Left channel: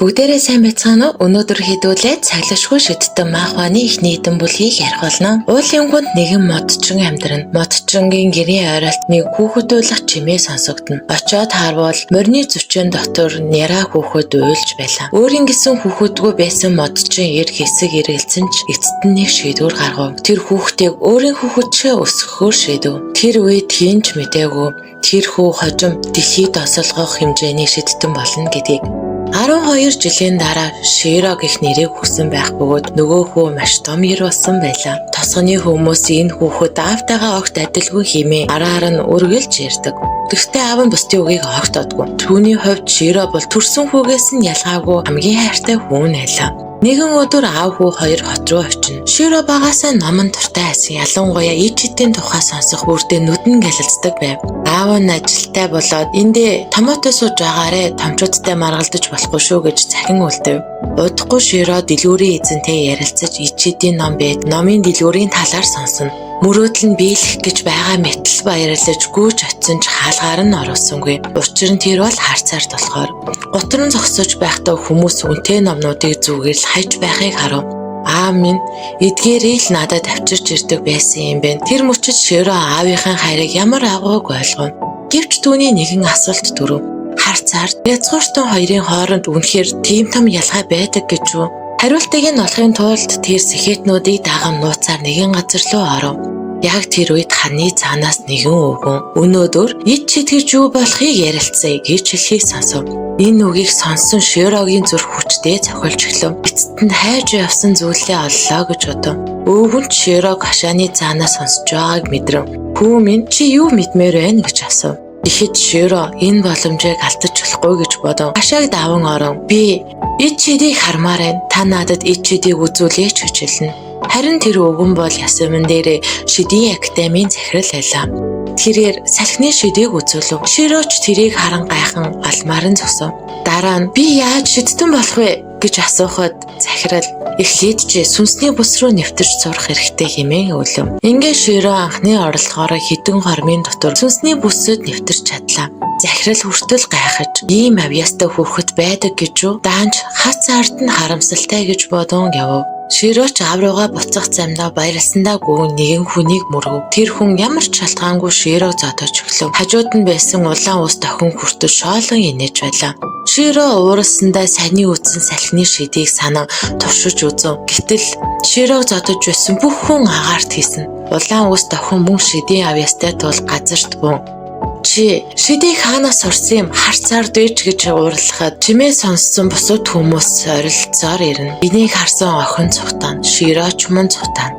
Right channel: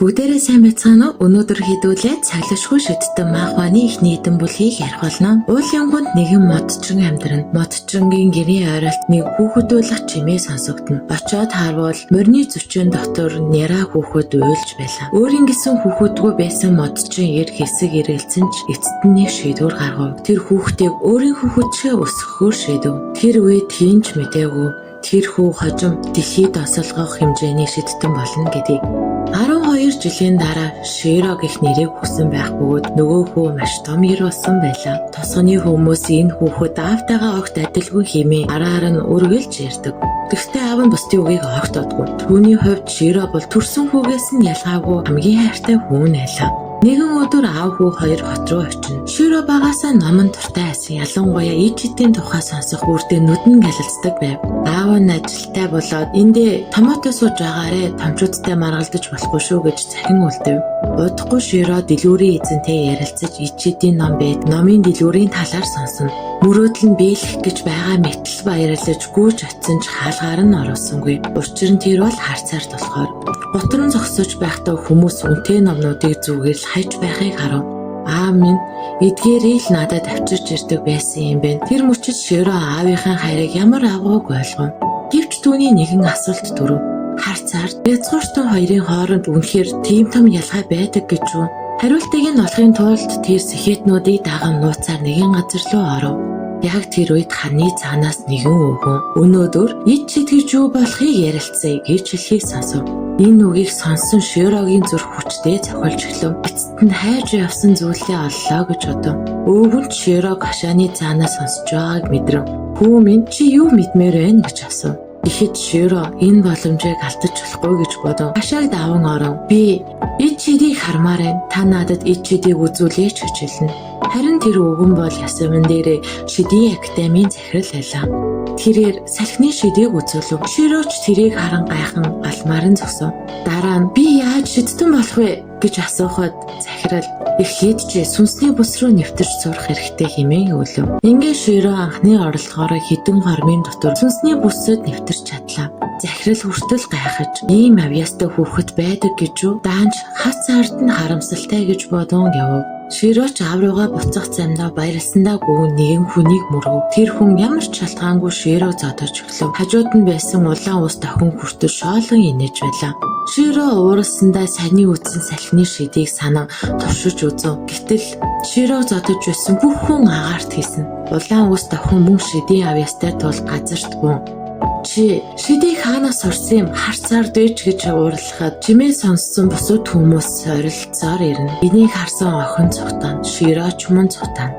Бүгдээрээ сайн байцгаана уу? Өнөөдөр хэдүүлээ цаглагшгүй шидтэн маахваны их нийтэн бүлгийг ярих болно. Уулын гүнд нэгэн модчин амьдран. Модчингийн гэрийн ойролт нэг хүүхэд уйлах чимээ сонсогдно. Очоод харвал морины зүчэн дотор няра хүүхэд уйлж байлаа. Өөрийн гисэн хүүхэдгүй байсан модчин ир хэсэг эргэлзэн ч эцэст нь нэг шийдвэр гаргав. Тэр хүүхдийг өөрийн хүүхэдчээ өсгөхөөр шийдэв. Тэр үед хинч мэдээгүй тэр хүү хожим дэлхийд осолгох хэмжээний шидтэн болно гэдгийг. 12 жилийн дараа Широ гэх нэрийг хүсэн байх бөгөөд нөгөө хүү маш том ир болсон байлаа. Тосгоны хүмүүс энэ хүүхэд аавтайгаа огт адилгүй хэмээн араар нь үргэлж ярьдаг. Гэхдээ аав нь бусдын үгийг огт одгүй. Түүний хувьд Широ бол төрсөн хүүгээс нь ялгаагүй хамгийн хайртай хүн байлаа. Нэгэн өдөр аав хүү хоёр хот руу очино. Широ багаасаа номон дуртай байсан. Ялангуяа ичидийн тухай сонсох үрдээ нүдэн гэлэлцдэг байв. Аав нь ажилтай болоод эндээ томоотой сууж байгаарэ томчуудтай маргалдаж болохгүй шүү гэж захин үлдэв. Удахгүй Широ дэлгүүрийн эзэнтэй ярилцаж ичидийн ном бед номын дэлгүүрийн талаар сонсно. Мөрөөдөл нь биелэх гэж байгаа мэтэл баярлаж гүйж очсон ч хаалгаар нь оруулсангүй. Учир нь тэр бол харцаард болохоор. Готрон зогсож байхдаа хүмүүс үнэтэй номнуудыг зүгээр л хайж байхыг харав. Аав минь эдгээрийг л надад авчирч ирдэг байсан юм байна. Тэр мөчид Широ аавынхаа хайрыг ямар агууг ойлгов. Гэвч түүний нэгэн асуулт төрөв. Харцаард язгууртан хоёрын хооронд үнэхээр тийм том ялгаа байдаг гэж үү? Хариултыг нь олохын тулд тэр сэхэтнүүдийг даган нууцаар нэгэн газар руу оров. Яг тэр үед ханы цаанаас нэгэн өвгөн өнөөдөр ид читгэж юу болохыг ярилцъя гэж хэлхийг сонсов. Энэ үгийг сонссон Широгийн зүрх хүчтэй цохилж эхлэв. Эцэст нь хайж явсан зүйлээ оллоо гэж бодов. Өвгөн Широг хашааны цаанаас сонсож байгааг мэдрэв. Хүү минь чи юу мэдмээр байна гэж асуув. Ихэд Широ энэ боломжийг алдаж болохгүй гэж бодов. Хашааг даван оров. Би ид чидийг хармаар байна. Та надад ид чидийг үзүүлээч гэж хэлнэ. Харин тэр өвгөн бол ясамин дээр шидийн академийн захирал байлаа. Тэрээр салхины шидийг үзүүлв. Широч тэрийг харан гайхан алмаар нь зогсов. Дараа нь би яаж шидтэн болох вэ гэж асуухад захирал эхлээд ч сүнсний бүс рүү нэвтэрч сурах хэрэгтэй хэмээн өвлөв. Ингээд Широ анхны орлогоороо хідэн хормын дотор сүнсний бүсэд нэвтэрч чадлаа. Захирал хүртэл гайхаж ийм авьяастай хүүхэд байдаг гэж үү? Даанч хац ард нь харамсалтай гэж бодон явв. Широч аав руугаа буцах замдаа баярлсандаа гүн нэгэн хүнийг мөргөв. Тэр хүн ямар ч шалтгаангүй Широг зодож өглөв. Хажууд нь байсан улаан ус дохин хүртэл шоолон инээж байлаа. Широ уурсандаа саяны үтсэн салхины шидийг санан туршиж үзв. Гэтэл Широг зодож байсан бүх хүн агаарт хийсэн. Улаан ус дохин мөн шидийн авьяастай тул газарт бун. Чи шидийг хаанаас сурсан юм? Харцаар дэж гэж уурлахад чимээ сонссон бусад хүмүүс орилцоор ирнэ. Энийг харсан охин цухтан, Широч мөн цухтан.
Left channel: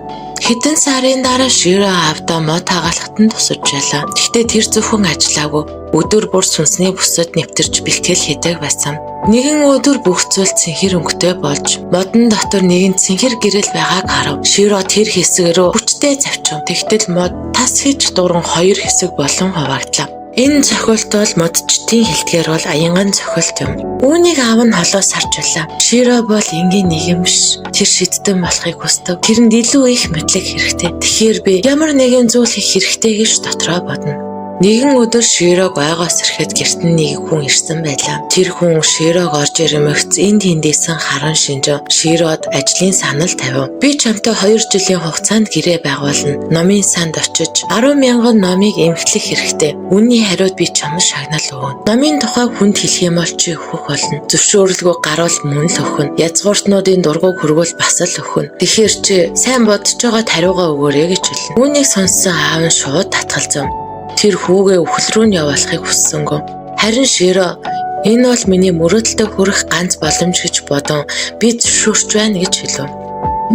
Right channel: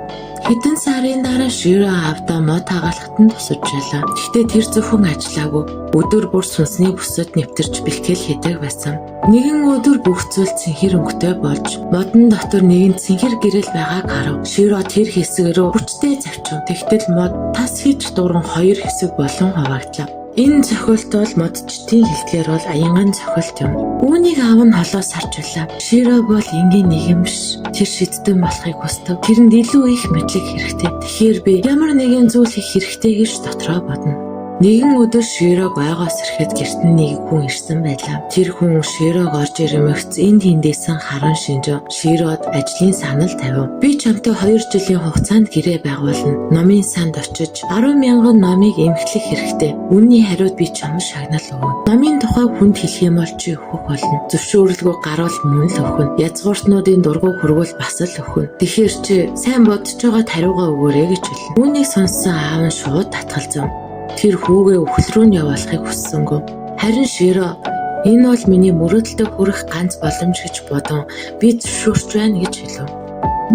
Хэдэн сарын дараа Широ аавдаа мод хагаалхад нь тусаж байлаа. Гэхдээ тэр зөвхөн ажиллаагүй. Өдөр бүр сүнсний бүсэд нэвтэрч бэлтгэл хийдэг байсан. Нэгэн өдөр бүх зүйл цэнхэр өнгөтэй болж модон дотор нэгэн цэнхэр гэрэл байгааг харав. Широ тэр хэсэг рүү хүчтэй завчив. Тэгтэл мод тас хийж дуран хоёр хэсэг болон хуваагдлаа. Энэ цохилт бол модчдын хэлдгээр бол аянган цохилт юм. Үүнийг аав нь холоос харж байлаа. Широ бол энгийн нэг юм биш. Тэр шидтэн болохыг хүсдэг. Тэрэнд илүү их мэдлэг хэрэгтэй. Тэгэхээр би ямар нэгэн зүйл хийх хэрэгтэй гэж дотроо бодно. Нэгэн өдөр Широг ойгоос ирэхэд гэрт нь нэг хүн ирсэн байлаа. Тэр хүн Широг орж ирмэгц энд тэндээсэн харан шинжив. Широд ажлын санал тавив. Би чамтай 2 жилийн хугацаанд гэрээ байгуулна. Номын санд очиж 10,000 номыг эмхлэх хэрэгтэй. Үнний хариуд би чамд шагнал өгнө. Номын тухай хүнд хэлэх юм бол чи өгөх болно. Зөвшөөрлгүй гарвал мөн л өгнө. Язгууртнуудын дургуг хөргөл бас л өгнө. Тэгэхээр чи сайн бодож байгаа хариугаа өгөөрэй гэж хэлнэ. Үүнийг сонссон аав нь шууд татгалзав. Тэр хүүгээ өвхөл рүү нь явуулахыг хүссэнгүй. Харин Широ энэ бол миний мөрөөдөлтөд хүрэх ганц боломж гэж бодон би зөвшөөрч байна гэж хэлв.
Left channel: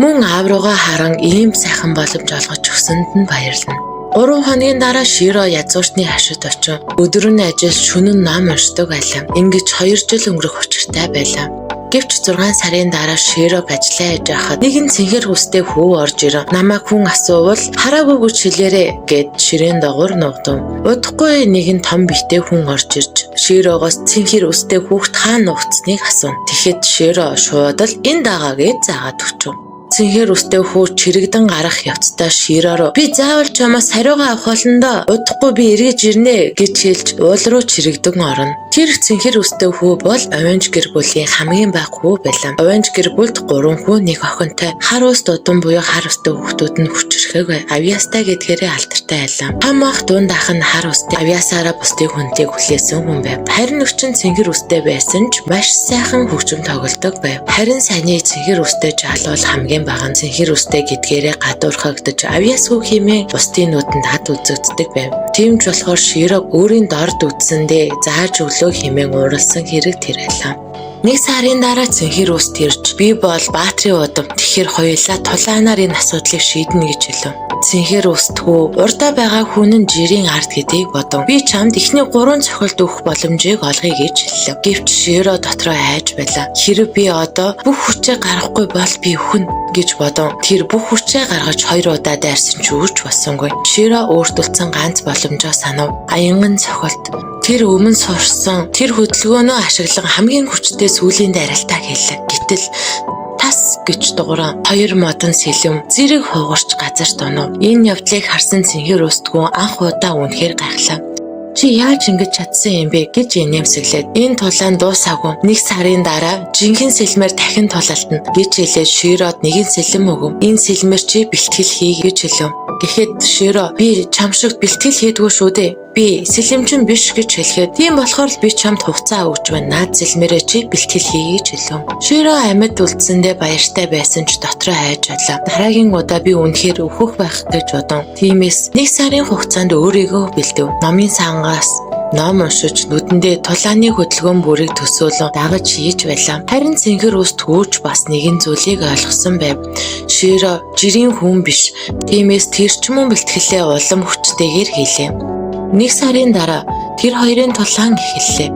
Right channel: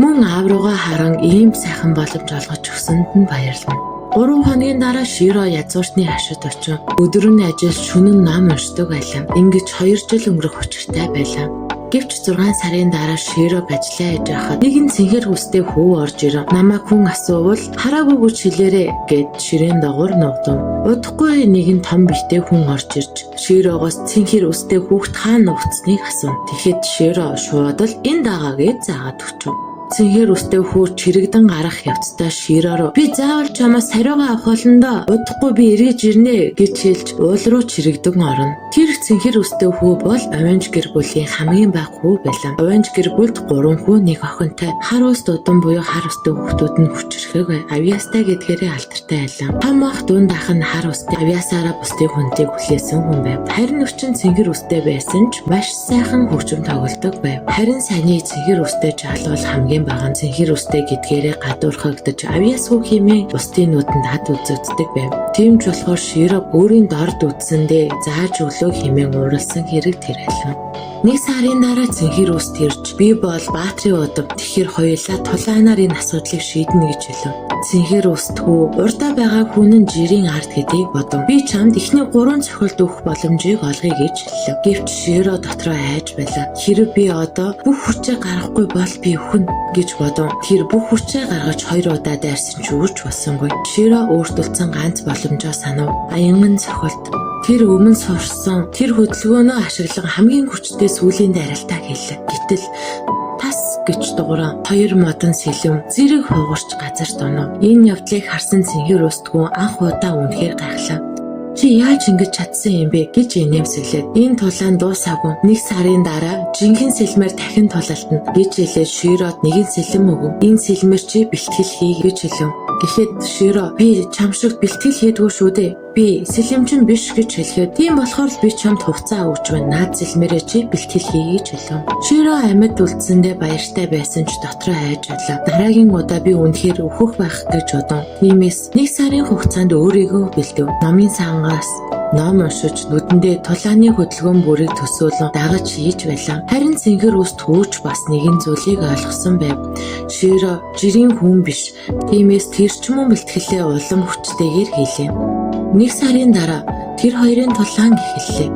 Мөн аав руугаа харан ийм сайхан боломж олгож өгсөнд нь баярлана. 3 хоногийн дараа Широ язгууртны хашид очив. Өдөр нь ажиллаж шөнө нь ном уншдаг байлаа. Ингэж 2 жил өнгөрөх учиртай байлаа. Гэвч 6 сарын дараа Широг ажиллаа хийж байхад нэгэн цэнхэр хүстэй хүү орж ирв. Намайг хүн асуувал хараагүй гэж хэлээрэй гэд ширээн дагуур нуугдав. Удахгүй нэгэн том битээ хүн орж ирж Широгоос цэнхэр хүстэй хүүхд хаана нуугдсныг асуув. Тэгэхэд Широ шууд л энэ дагаа гэж заагаад өгчв. Цэнхэр үстэй хүү чирэгдэн гарах явцдаа Широо "Би заавал чамаас хариугаа авах болно доо. Удахгүй би эргэж ирнэ" гэж хэлж уул руу чирэгдэн орно. Тэр цэнхэр үстэй хүү бол Овенж гэр бүлийн хамгийн бага хүү байлаа. Овенж гэр бүлд 3 хүү, 1 охинтой. Хар ус дудан буюу хар устай хүүхдүүд нь хүчрэхэг авьяастай гэдгээрээ алдартай байлаа. Том ах дунд ах нь хар устай авьяасаараа бусдыг хүндлийг хүлээсэн хүн байв. Харин өвчин цэнхэр үстэй байсан ч маш сайхан хөгжим тоглодог байв. Харин саяны цэнхэр үстэй жаал бол хамгийн бага нь цэнхэр үстэй гэдгээрээ гадуурхагдаж авьяасгүй хэмээн бусдын нүдэнд хад үзэгддэг байв. Тийм ч болохоор Широг өөрийн дорд үтсэндээ зааж өглөө хэмээн ууралсан хэрэг тэр байлаа. 1 сарын дараа цэнхэр үст ирж "Би бол баатрийн удам. Тэгэхээр хоёулаа тулаанаар энэ асуудлыг шийднэ" гэж хэлв. Цэнхэр үстгүү урдаа байгаа хүн нь жирийн ард гэдгийг бодов. "Би чамд эхний 3 цохилт өгөх боломжийг олгоё" гэж хэлв. Гэвч Широо дотроо айж байлаа. "Хэрэв би одоо бүх хүчээ гаргахгүй бол би өхнө" гэж бодов. Тэр бүх хүчээ гаргаж 2 удаа дайрсан ч үрж болсонгүй. Широо өөртөлдсөн ганц боломжоо санав. Аянган цохилт. Тэр өмнө сурсан тэр хөдөлгөөнөө ашиглан хамгийн хүчтэй сүүлийн дайралтаа хэллээ. Гэтэл тас гэж дууран 2 модон сэлэм зэрэг хугарч газарт онов. Энэ явдлыг харсан цэнхэр үстгүү анх удаа үнэхээр гайхлаа. "Чи яаж ингэж чадсан юм бэ?" гэж инээмсэглээд "Энэ тулаан дуусаагүй. 1 сарын дараа жинхэнэ сэлмээр дахин тулаалтна" гэж хэлээд Широод 1 сэлэм өгөв. "Энэ сэлмээр чи бэлтгэл хий" гэж хэлв. Гэхэд Широо "Би чам шиг бэлтгэл хийдгүү шүү дээ. Би сэлэмчин биш" гэж хэлэхэд "Тийм болохоор л би чамд хугацаа өгч байна. Наад сэлмээрээ чи бэлтгэл хий" гэж хэлв. Широо амьд үлдсэндээ баяртай байсан ч дотроо айж байлаа. Дараагийн удаа би үнэхээр өөхөх байх гэж бодов. Тиймээс 1 сарын хугацаанд өөрийгөө бэлдэв. Номын сангаас ном уншиж нүдэндээ тулааны хөдөлгөөн бүрийг төсөөлөн дагаж хийж байлаа. Харин цэнхэр үст хөөж бас нэгэн зүйлийг ойлгосон байв. Широо жирийн хүн биш. Тиймээс тэр ч мөн бэлтгэлээ улам хүчтэйгээр хийлээ. 1 сарын дараа тэр хоёрын тулаан эхэллээ.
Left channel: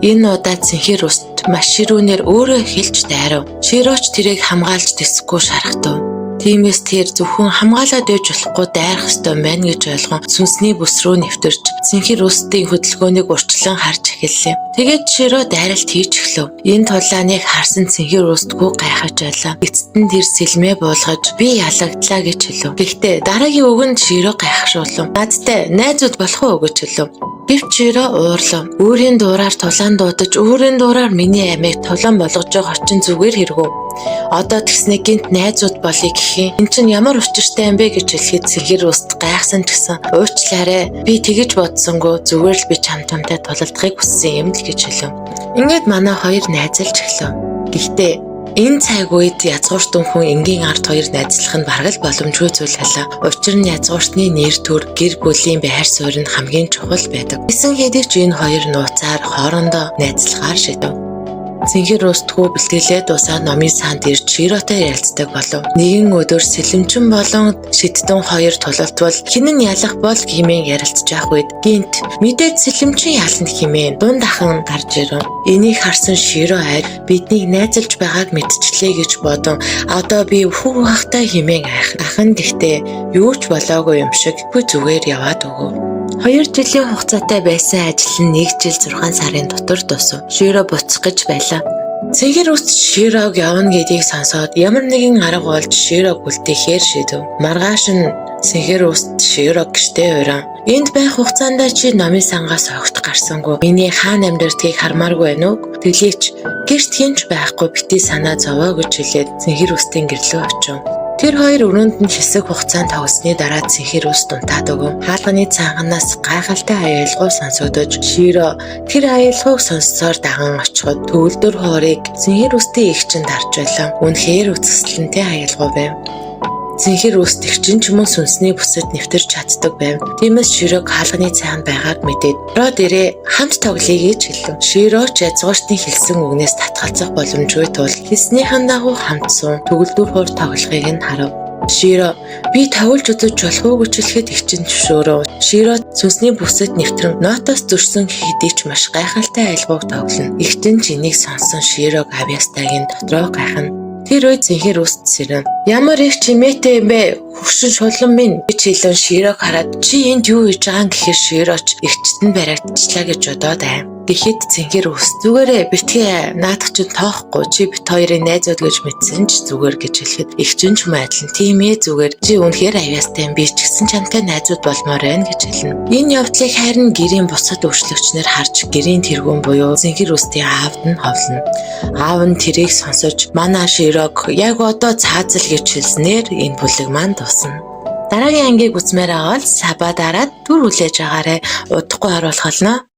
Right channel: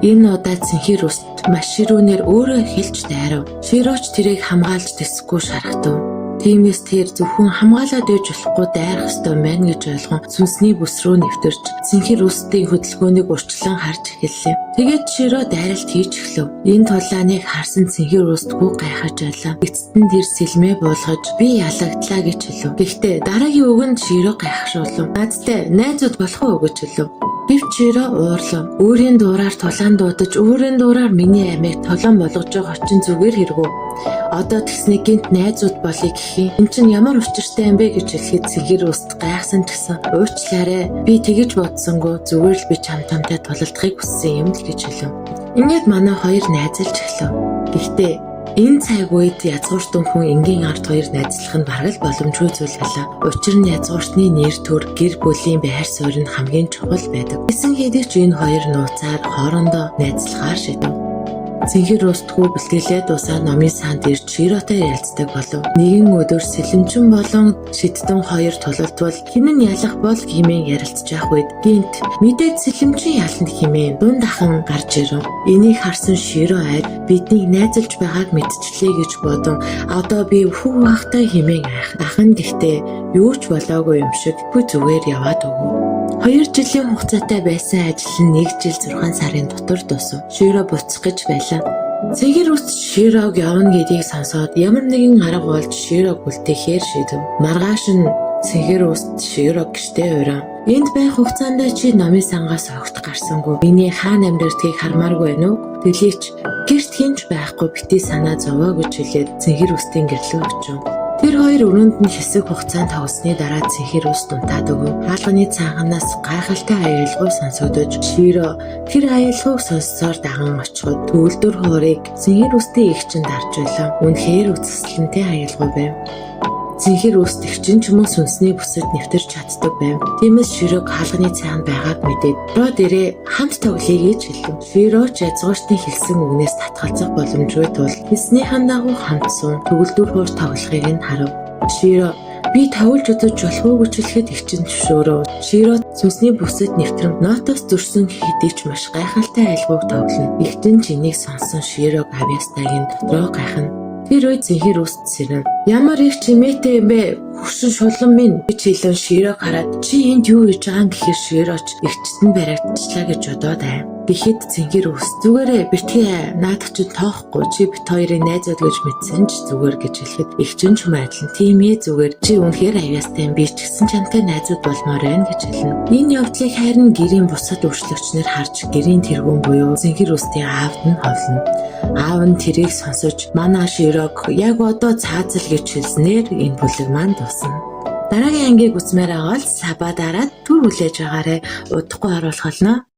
Энэ удаа цэнхэр үст маш ширүүнээр өөрөө эхэлж дайрав. Широоч тэрийг хамгаалж тэсэхгүй шархтав. Тиймээс тэр зөвхөн хамгаалаад байж болохгүй дайрах ёстой байна гэж ойлгон сүнсний бүс рүү нэвтэрч цэнхэр үстийн хөдөлгөөнийг урьдчилан харж эхэллээ. Тэгээд Широо дайралт хийж эхлэв. Энэ тулааныг харсан цэнхэр үстгүү гайхаж байлаа. Эцэст нь тэр сэлмээ буулгаж "Би ялагдлаа" гэж хэлв. Гэхдээ дараагийн үгэнд Широо гайхшруулв. "Надтай найзууд болох уу?" гэж хэлв. Гэвч Широо уурлав. Өөрийн дуураар тулаан дуудаж, өөрийн дуураар миний амийг тулаан болгож байгаа чинь зүгээр хэрэггүй. Одоо тэгснэ гинт найзууд болъё гэх юм. Энд чинь ямар учиртай юм бэ гэж хэлэхэд цэнхэр үст гайхсан ч гэсэн "Уучлаарай. Би тэгэж бодсонгүй. Зүгээр л би чамтай тулалдахыг хүссэн юм л" гэж хэлв. Ингээд манай хоёр найзалж эхлэв. Гэхдээ энэ цаг үед язгууртан хүн энгийн ард хоёр найзлах нь бараг л боломжгүй зүйл байлаа. Учир нь язгууртны нэр төр гэр бүлийн байр суурь нь хамгийн чухал байдаг. Гэсэн хэдий ч энэ хоёр нууцаар хоорондоо найзлахаар шийдэв. Цэнхэр үстгүү бэлтгэлээ дуусаад номын санд ирж Широотой ярилцдаг болов. Нэгэн өдөр сэлэмчин болон шидтэн хоёр тулалтвал хэн нь ялах бол хэмээн ярилцж байх үед гинт "Мэдээд сэлэмчин ялна" хэмээн дунд ахын гарч ирэв. Энийг харсан Широо айж "Биднийг найзалж байгааг мэдчихлээ" гэж бодон "Одоо би өхөг байхтай" хэмээн айх. Ах нь гэхдээ юу ч болоогүй юм шиг "Үгүй зүгээр яваад өгөө." 2 жилийн хугацаатай байсан ажил нь 1 жил 6 сарын дотор дуусав. Широо буцах гэж байлаа. Цэнхэр үст Широг явна гэдгийг сонсоод ямар нэгэн арга болж Широг үлдээхээр шийдэв. Маргааш нь цэнхэр үст Широг гэртээ уран. "Энд байх хугацаанд чи номын сангаас огт гарсангүй. Миний хаана амьдэрдгийг хармааргүй байна уу? Тэглээч гэрт хинч байхгүй битгий санаа зовоо" гэж хэлээд цэнхэр үстийн гэрлөө очив. Тэр хоёр өрөөнд нь хэсэг хугацаанд тоглосны дараа цэнхэр үст унтаад өгөв. Хаалганы цанганаас гайхалтай аялал сонсогдож Широо тэр аялалгыг сонссоор даган очиход төгөлдөр хоорыг цэнхэр үстийн эгчэнд харж байлаа. Үнэхээр үзэсгэлэнтэй аялал байв. Цэнхэр үст эгчин ч мөн сүнсний бүсэд нэвтэрч чаддаг байв. Тиймээс Широг хаалганы цаанд байгааг мэдээд "Роо дээрээ хамт тоглоё" гэж хэлв. Широо ч язгууртны хэлсэн үгнээс татгалзах боломжгүй тул хэлснийхэн дагуу хамт суун төгөлдөр хоор тоглохыг нь харав. Широо "Би тоглож үзэж болох уу?" гэж хэлэхэд эгчин зөвшөөрөв. Широо сүнсний бүсэд нэвтрэн нотоос зөрсөн хэдий ч маш гайхалтай аялгыг тоглоно. Эгчин ч энийг сонссон Широг авьяастайг нь дотроо гайхна. Тэр үед цэнхэр үст сэрэн "Ямар их чимээтэй юм бэ? Хөгшин шулан минь" гэж хэлэн Широг хараад "Чи энд юу хийж байгаа юм?" гэхээр Широоч эгчтэнд баригдчихлаа гэж бодоод байв. Гэхэд Цэнгэр ус зүгээрээ битгий наадах чинь тоохгүй чи бит хоёрын найзууд гэж мэдсэн ч зүгээр гэж хэлэхэд эгчин ч майдлан тийм ээ зүгээр чи үнэхээр аяастай юм би ч гэсэн чамтай найзууд болмоор байна гэж хэлнэ. Энэ явдлыг харин гэрийн бусад өөрчлөгчнөр харж гэрийн тэргүүн буюу Цэнгэр устын аавд нь ховлоно. Аав нь тэрийг сонсож манай Широк яг одоо цаазал гэж хэлснээр энэ бүлэг маань дуусна. Дараагийн ангийг үзмээр байгаа бол саба дараад түр хүлээж агаарэ удахгүй оруулах болно.